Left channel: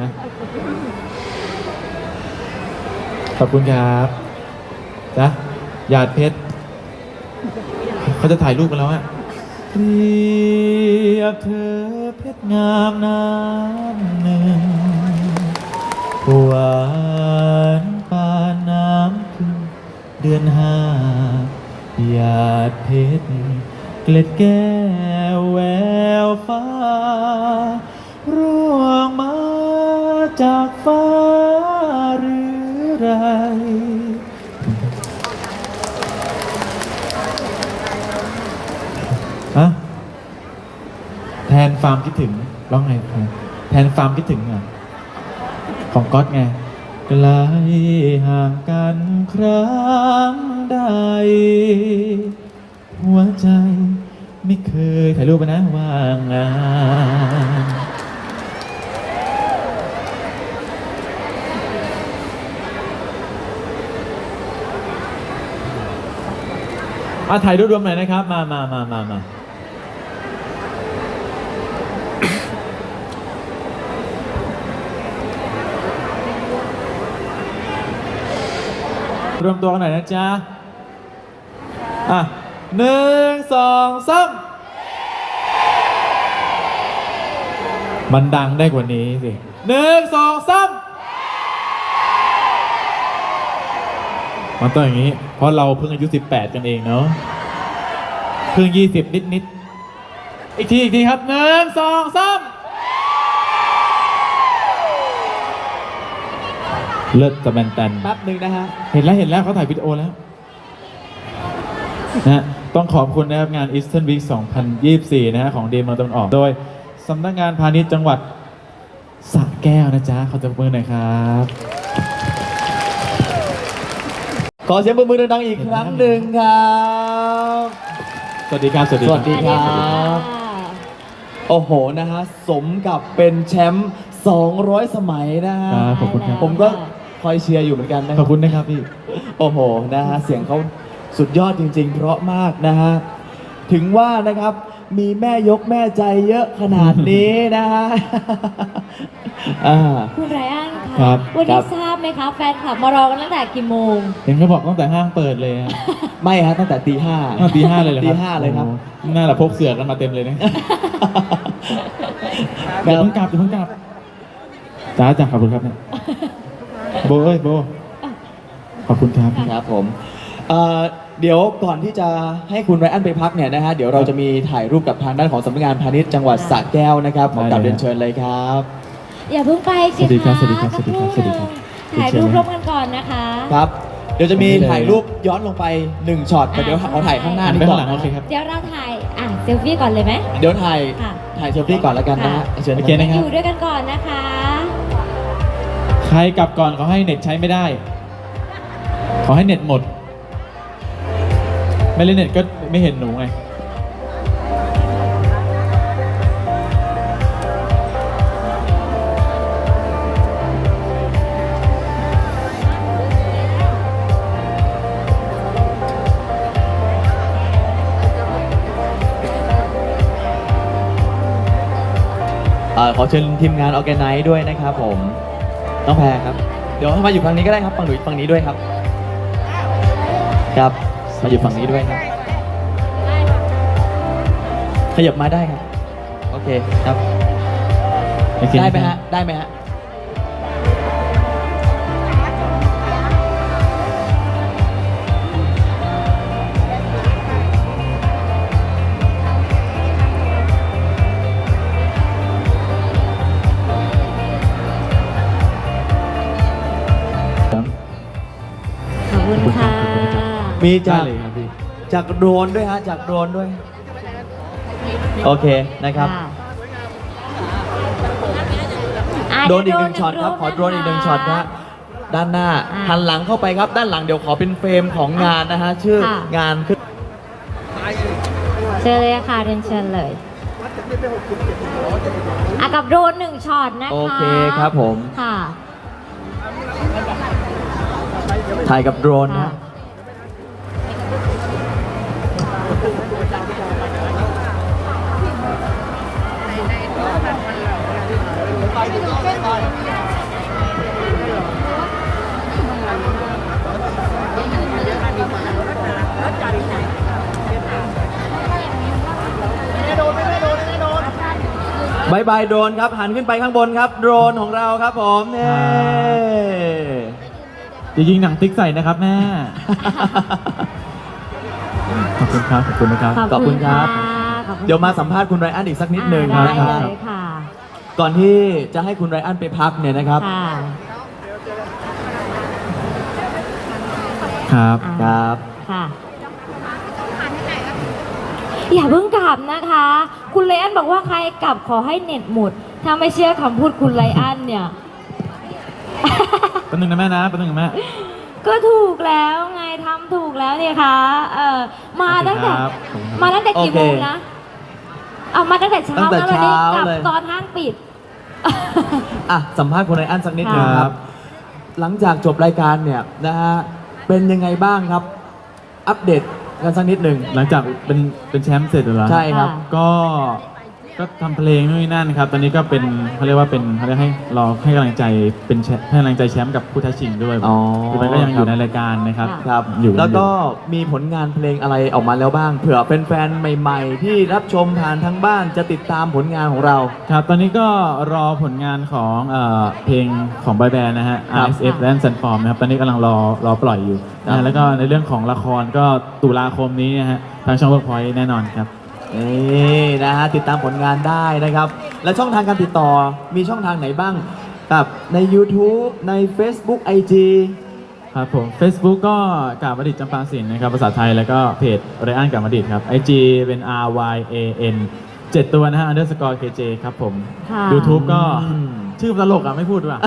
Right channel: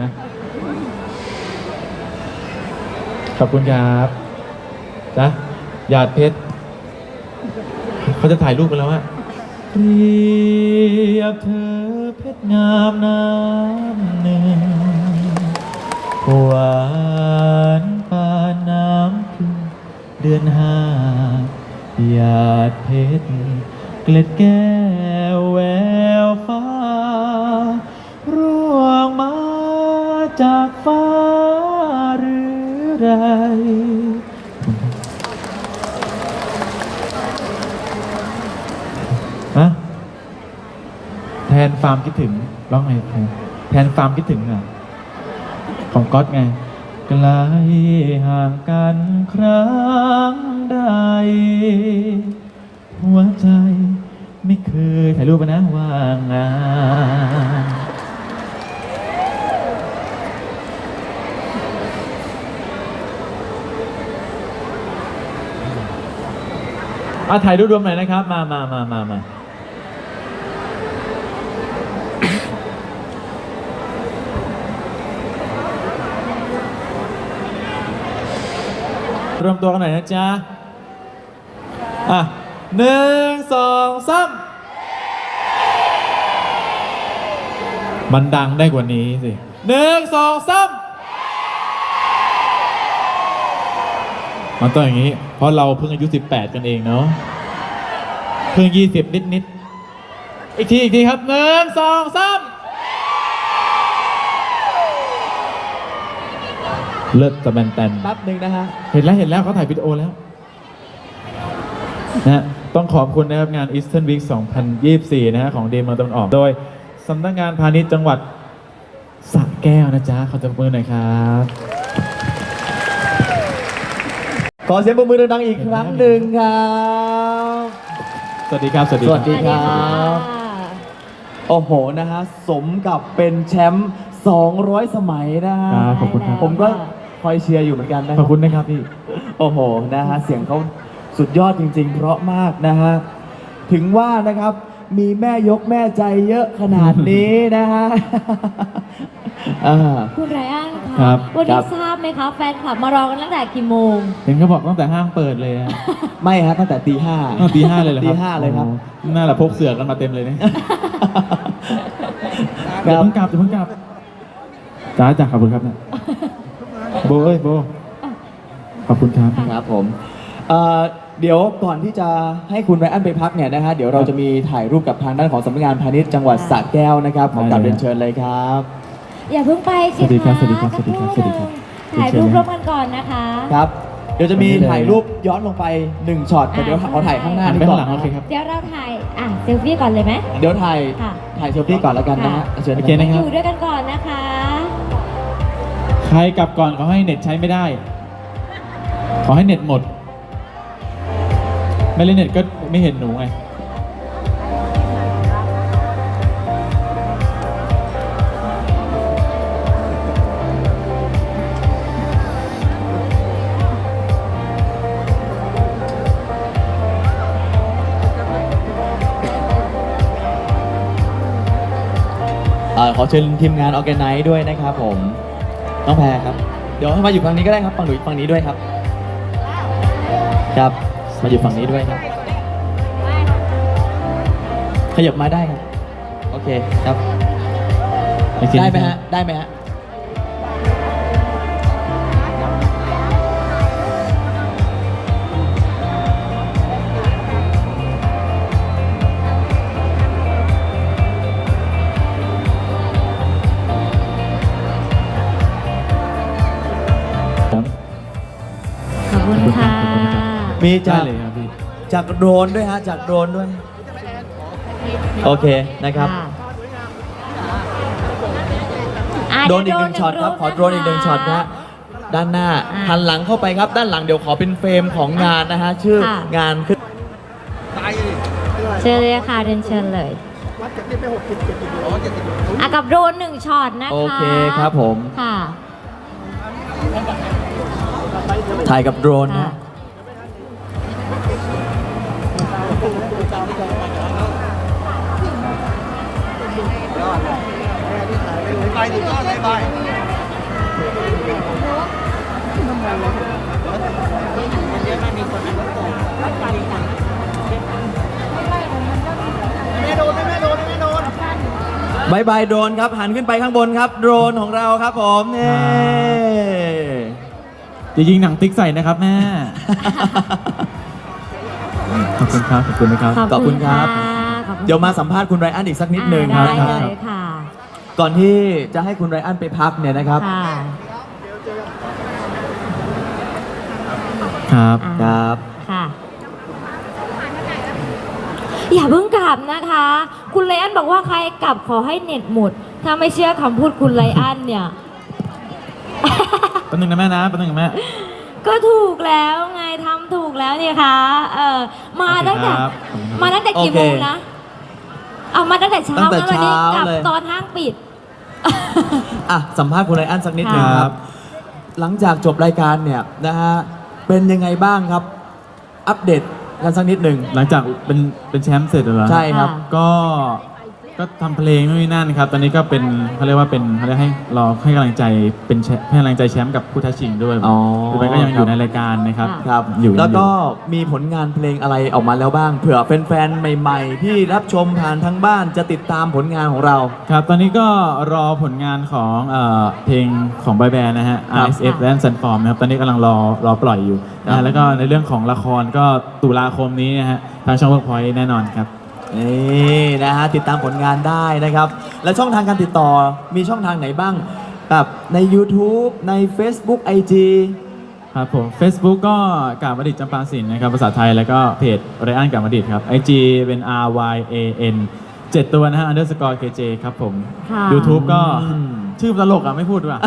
นะขอบคุณครับนะหยาดเพชรเขาจะถ่ายรูปกันแล้วอะเรียบเธอเพชรงามน้ำหนึ่งหวานปานน้ำพึ่งเดือนห้าหยาดเพชรเกล็ดแก้วแววฟ้า จากฟ้าหรือไรฮะแทนฟาร์มคิดถึงร้องไงแทนฟาร์มคิดถึงเหรอของก๊อตไงไกลห่างกันครั้งใด หัวใจไม่เคยถ่ายรูปไปนะว่างงาน อะถ่ายรูปรวมหน่อยนะครับ มามามามามารวมตัวกันหน่อยนะจ๊ะ อะหนึ่งสองสามมันดังได้กว่านี้สิหนึ่งสองสาม มันต้องอย่างนี้ เพราะเราเพิ่งอายุ 18 กันเองเนาะ เพิ่ง 20 นิดนิดๆอีกทีอีกทีครับหนึ่งสองสามเลิศตะแบนแตนแป๊บหนึ่งนะฮะ เห็นแล้วเห็นแล้วเขาถ่ายวิดีโอแล้วนะฮะต้องขอบคุณนะครับงาน Eastern Week 2024 นะฮะของเดมเมืองตะวันออก โดยสำนักงานพาณิชย์จังหวัดสระแก้วนะจ๊ะขอจับมือหน่อยครับ ขอเสียงปรบมือดังๆอีกครั้งหนึ่งครับสวัสดีครับ สวัสดีสวัสดีคครัรับบโอ้โหนะฮะสมกับเป็นแชมป์200 สมัยนะฮะครับขอบคุณครับ ผมก็คอยเชียร์อยู่เหมือนกันนะขอบคุณนะครับพี่ โอ้โหนะฮะเสียงเขาสุดยอดจริง ๆ เพราะมากนะฮะถึงว่านะครับ มีแม่ยกแม่ใจเยอะขนาดนี้นะฮะอ่า คุณไรอันครัคะบวันครันี้บ ทราบไหมคะ แฟนคลับมารอกันตั้งแต่กี่โมง เห็นเขาบอกตั้งแต่ห้างเปิดเลยนะไม่ฮะตั้งแต่ตีห้า อ้าวตีห้าเลยเหรอครับตีห้าเลยครับ โอ้โหน่าละพกเสือกันมาเต็มเลยนะคเดี๋ยวรับเพิ่งกลับเดี๋ยวเพิ่งกลับจ้าจ้าขอบคุณครับเนี่ยโบเอ้ยโบขอบคุณครับ ครับผมเอ่อ เดี๋ยวก่อนที่จะให้คุณไรอันไปพักเนี่ยนะฮะเดี๋ยวเราจะมีถ่ายรูปกับทางด้านของสำนักงานพาณิชย์จังหวัดสระแก้วนะครับขอกลับได้เลยเรียนเชิญเลยครับ อย่าเพิ่งไปสิสวัสดีครับะสวัสดีครับสักสวัสดีครับครู่สวัสดีครับหนึ่งถ่ายรูปร่วมกันก่อนนะคะ ครับ เดี๋ยวจะมีถ่ายรูปย้อนลงไปหนึ่งช็อตแต่เดี๋ยวขอถ่ายข้างหน้าหันนี้ไปก่ข้าองนหลังโอเคครับเดี๋ยวเราถ่ายอะเซลฟี่ก่อนเลยไหม เดี๋ยวถ่ายค่ะ ถ่ายเซลฟี่ก่อนแล้วกันนะฮะเชิญโอเคนะนะคครัรับบอยู่ด้วยกันก่อนนะคะ ใครกลับก่อนขอให้เน็ตใช้ไม่ได้ ขอให้เน็ตหมด ไม่เล่นเน็ตก็ไม่เห็นหนูไง เอ่อขอเชิญทีมงานออแกไนซ์ด้วยนะครับผม น้องแพรครับ เดี๋ยวให้มาอยู่ฝั่งนี้ก็ได้ครับฝั่งหนูฝั่งนี้ด้วยครับ ครับ มาอยู่ฝั่งนี้ด้วยครับขยับมาได้ครับ โอเคครับโอเคได้ไหมฮะ ได้ไหมฮะ มีจาได้กเลยครับพี่ จากโดรนด้วยฮะจากโดรนด้วย โอเคนะครับอะโดรนอีกหนึ่งช็อตครับขอโดรนอีกหนึ่งช็อตนะฮะด้านหน้าอะหันหลังเข้าไปครับ ด้านหลังเดี๋ยวขอเป็นเฟรมของงานนะฮะชื่อค่ะงานขึ้น เชิญเลยค่ะเรียนเชิญเลยอะกับโดรนหนึ่งช็อตนะคะโอเคครับผม ค่ะ ถ่ายกับโดรนนะอ บายบายโดรนครับ หันขึ้นไปข้างบนครับ โดรนของเราครับผมนี่จะยิงหนังติ๊กใส่นะครับแม่ ขอบคุณครับ ขอบคุณนะครับ ขอบคุณครับขอบคุณเดี๋ยวมาสัมภาษณ์คุณไรอันอีกสักนิดหนึ่งอ่านะได้ครับเลยค่ะ ก่อนที่จะให้คุณไรอันไปพักเนี่ยนะครับ ค่ะครับ ครับค่ะ อย่าเพิ่งกลับนะคะ คุณไลอันบอกว่าใครกลับขอให้เน็ตหมด ถ้าไม่เชื่อคำพูดคุณไลอันเนี่ย แป๊บนึงนะแม่นะแป๊บนึงนะแม่ ก็ถูกแล้วไงทำถูกแล้วเนี่ยค่ะเออมาตั้งแต่ครับมาตั้งแต่กี่โอเคโมงนะ เอามาตั้งแต่เช้าตั้งแต่แล้ววันนี้เช้ากลับเลย ตอนห้างปิด อะสัมภาษณ์คุณไรอันสักนิดหนึ่งคครัรับบหลังจากจบรายการเนี่ยนะฮะเป็นยังไงบ้างครับ อัปเดตกันสักนิดหนึ่งหลังจากเป็นเป็นแชมป์เสร็จเหรอ ใช่ครับ ก็ ก็ทำเพลงนู่นนี่นั่นครับ ตอนนี้ก็เป็นเขาเรียกว่าเป็นเขาเรียกให้เราให้กำลังใจเป็นแชมป์ให้กำลังใจแชมป์กับผู้ท้าชิงด้วยอ๋อพี่ไปก็ยังอยู่ในรายการนะครับครับอยู่แล้วก็อยู่มีผลงานเพลงอะไรออกมาแล้วบ้างเผื่อแฟนๆใหม่ ๆ ที่รับชมผ่านทางบ้านจะติดตามผลงานของเรา ครับ ตอนนี้ก็รอผลงานของเอ่อเพลงของบอยแบนด์นะฮะ ครับ RSF และ s u n f o r m นะครับ ตอนนี้กำลังรอรอปล่อยอยู่ครับอ่าแล้วก็ในเรื่องของละครก็ตุลาคมนี้นะฮะทางช่องเวิร์กพอยต์แน่นอนครับ นี่นะฮะติดตามผลงานได้นะครับ และช่องทางการติดต่อมีช่องทางไหนบ้างแบบใน YouTube ใน Facebook IG ครับผม Facebook ก็กาบดิตจำปาสินนะครับภาษาไทยแล้วก็เพจไรอันกาบดิตครับ IG เป็น R Y A N เจ็ดตัวนะฮะ underscore KJ ครับผม ค่ะ YouTube ก็อืม ชื่อตลกอะ ไม่พูดดีกว่า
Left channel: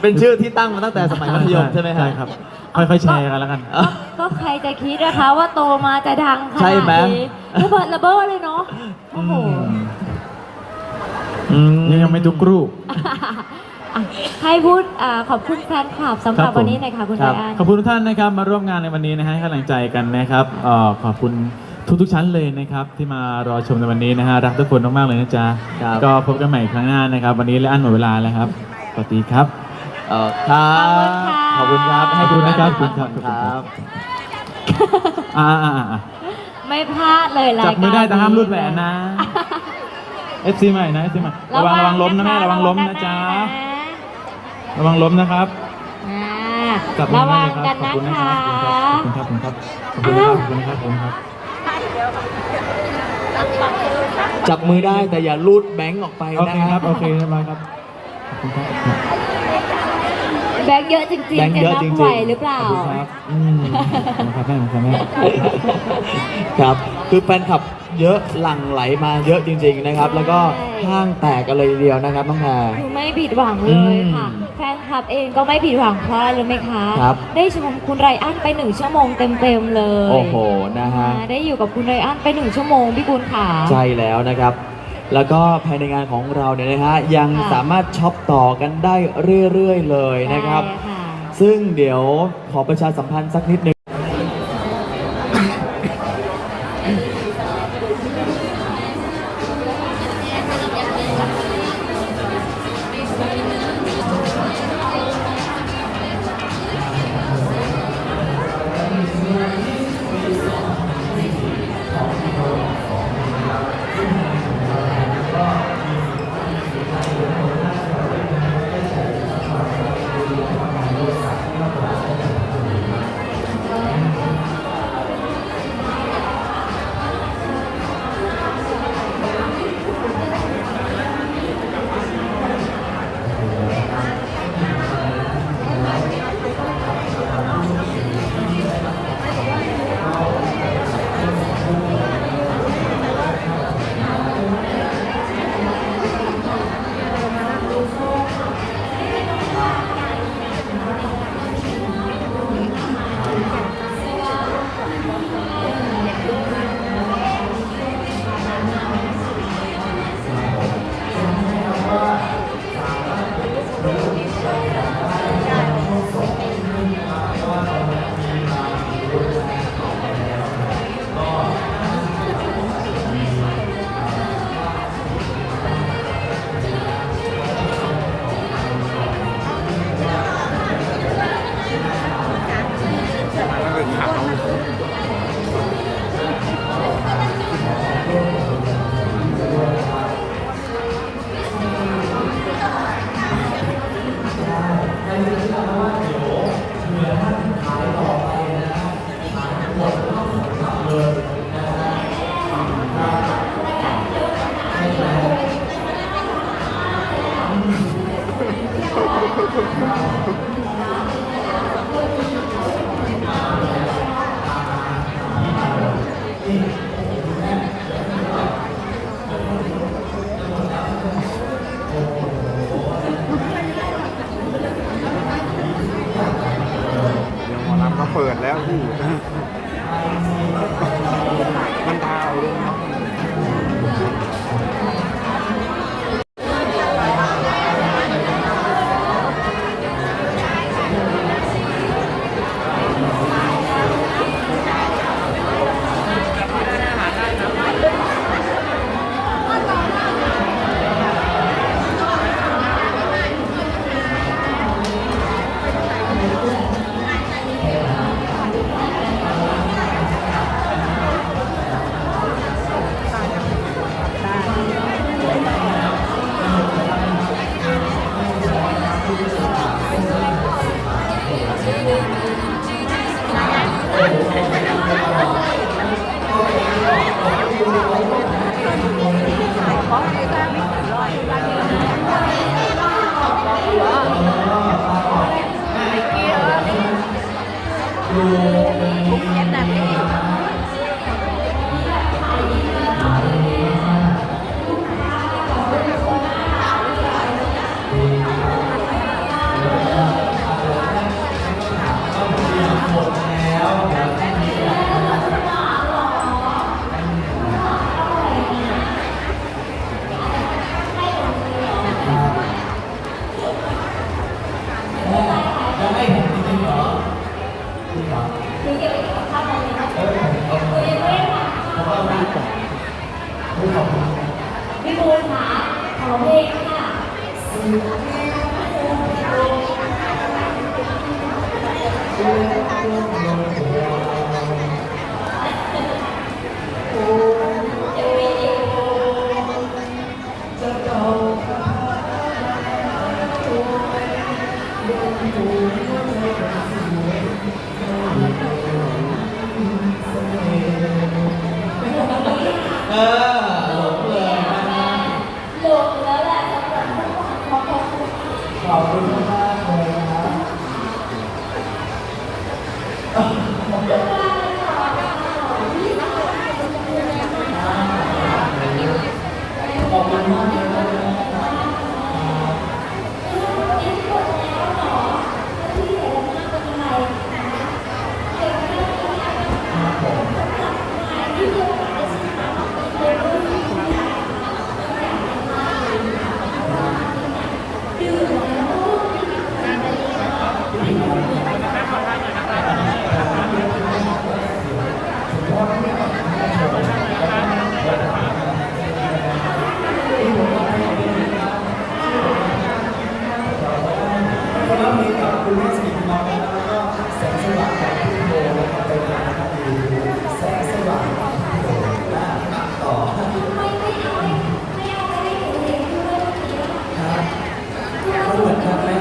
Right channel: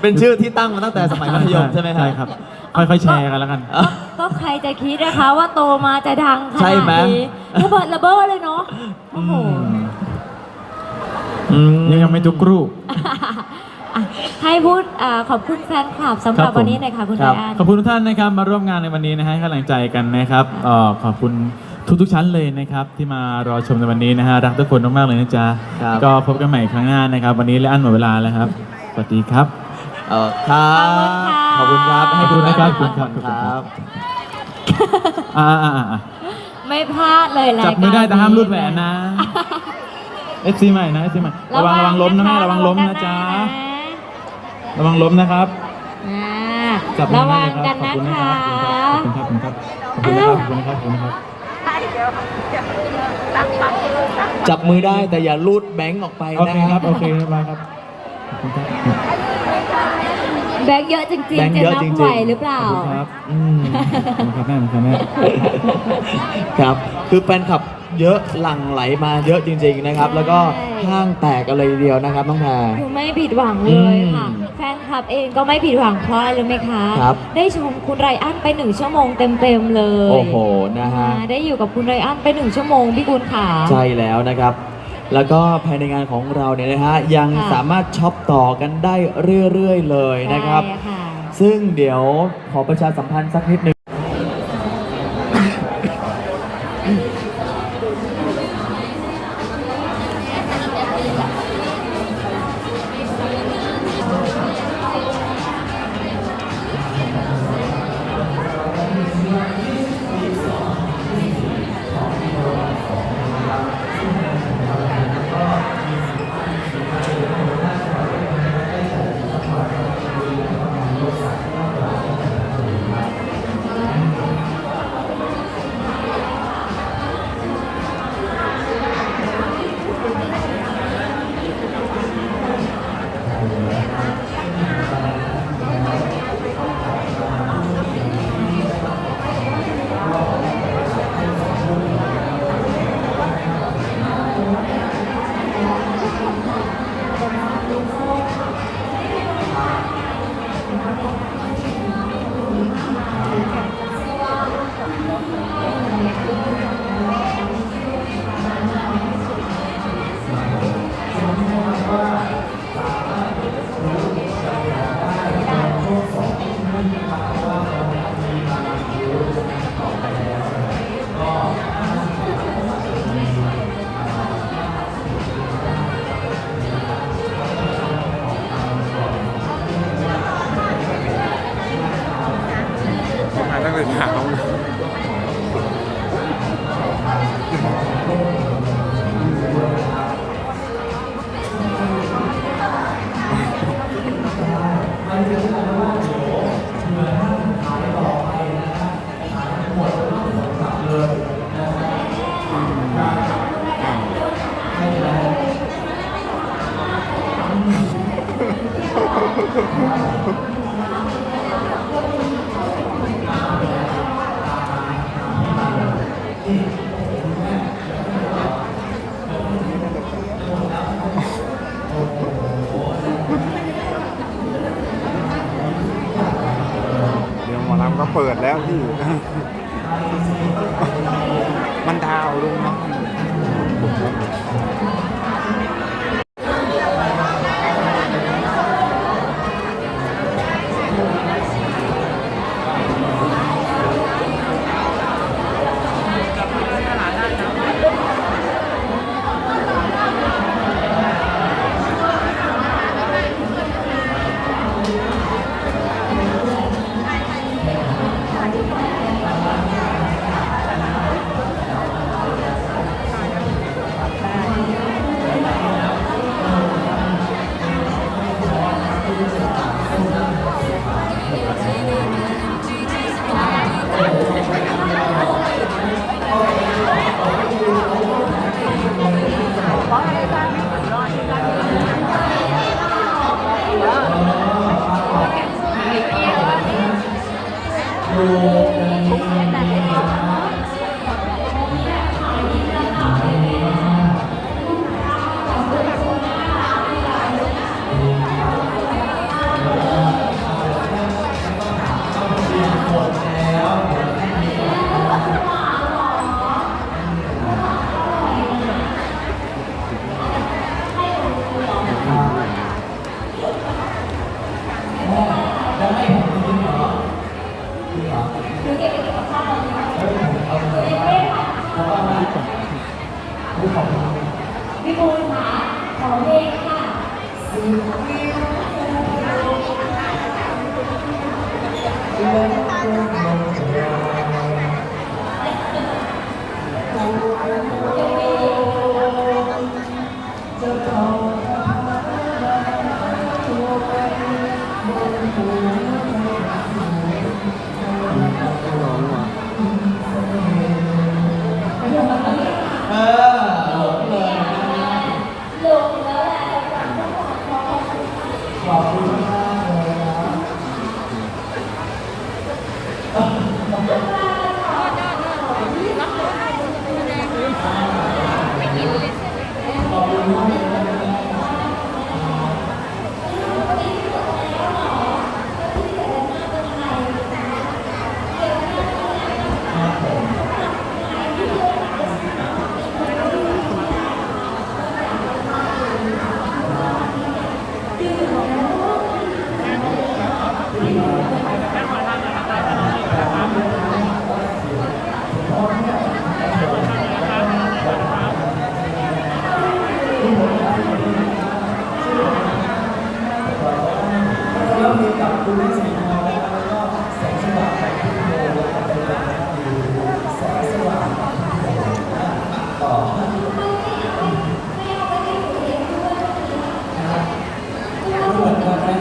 เป็นชื่อที่ตั้งมาตั้งแต่สมัยมัธยมใช่ไหมฮะใช่ครับค่อยๆแชร์กันแล้วกันก็ ใครจะคิดนะคะว่าโตมาจะดังขใช่นาดไหมนี้ระเบิดระเบ้อเลยเนาะโอ้โหอืม ยังยังไม่ทุกรูปให้พูดอ่าขอบคุณแฟนคลับสำหครัรับบผม วันนี้หน่อยค่ะคุณคไรรับอัน ขอบคุณทุกท่านนะครับมาร่วมงานในวันนี้นะฮะให้กำลังใจกันนะครับเอ่อขอบคุณทุกๆชั้นเลยนะครับ ที่มารอชมในวันนี้นะฮะรักทุกคนมากๆเลยนะจ๊ะครับ ก็พบกันใหม่ครั้งหน้านะครับ วันนี้และอันหมดเวลาแล้วครับสวัสดีครับ เอ่อครับขอบคุณครับให้คุณขอบคุณนะครับขอบคุณขอบคุณคครัรับบ อ่าอ่าอ่าอ่าไม่พลาดเลยรายจัการบมือได้แต่ห้ามรูดแหวนนี้นะ FC ใหม่นะ FC ใหม่ระวังระวังล้มนะแม่ระวังล้มนะจ๊ะระวังล้มนะครับอ่าจับมืระอวัได้งเลยครับกันขอบนะคุณนะคะครับขอบคุณครับขอบคุณครับขอบคุณนะครับขอบคุณนะครับขอบคุณครับจับมือได้แต่อย่าลูดแบงค์ออกไปโอนะเคครับ โอเคเรียบร้อยครับขอบคุณครับแบงค์ เยอะจริงแบงๆค์จะเยอะนับจริงๆไหวหรือเปล่าขอบคุณครับอืมขอบคุณครับแม่ขอบคุณครับแม่ครับ คือแฟนคลับเยอะหลั่งไหลมาเยอะจริง ๆนะครับ แล้วก็ห้างแตกกันเลยทีเดียวนะครับน้องแพรคือไม่ผิดหวังเลยค่ะ อืมแฟนคลับเองก็ไม่ผิดหวังเพราะอะไรรู้ไหมคะ ครับได้ชมคุณไรอันไปหนึ่งชั่วโมงเต็มๆเลยโอ้โหนะฮะ อ่าได้อยู่กับคุณไรอันไปหนึ่งชั่วโมงพี่กุลขา ใช่แล้วนะครับ แล้วก็ภายในงานของเราเนี่ยนะฮะยังค่ะสามารถช็อปต่อกันได้เรื่อยๆเลยนะครับใช่ค่ะซึ่งเดี๋ยวขอประชาสัมพันธ์สักนิดหนึ่ง เปิดแล้วพี่ มันดาวเลยนะ Amen.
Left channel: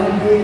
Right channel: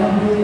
வந்து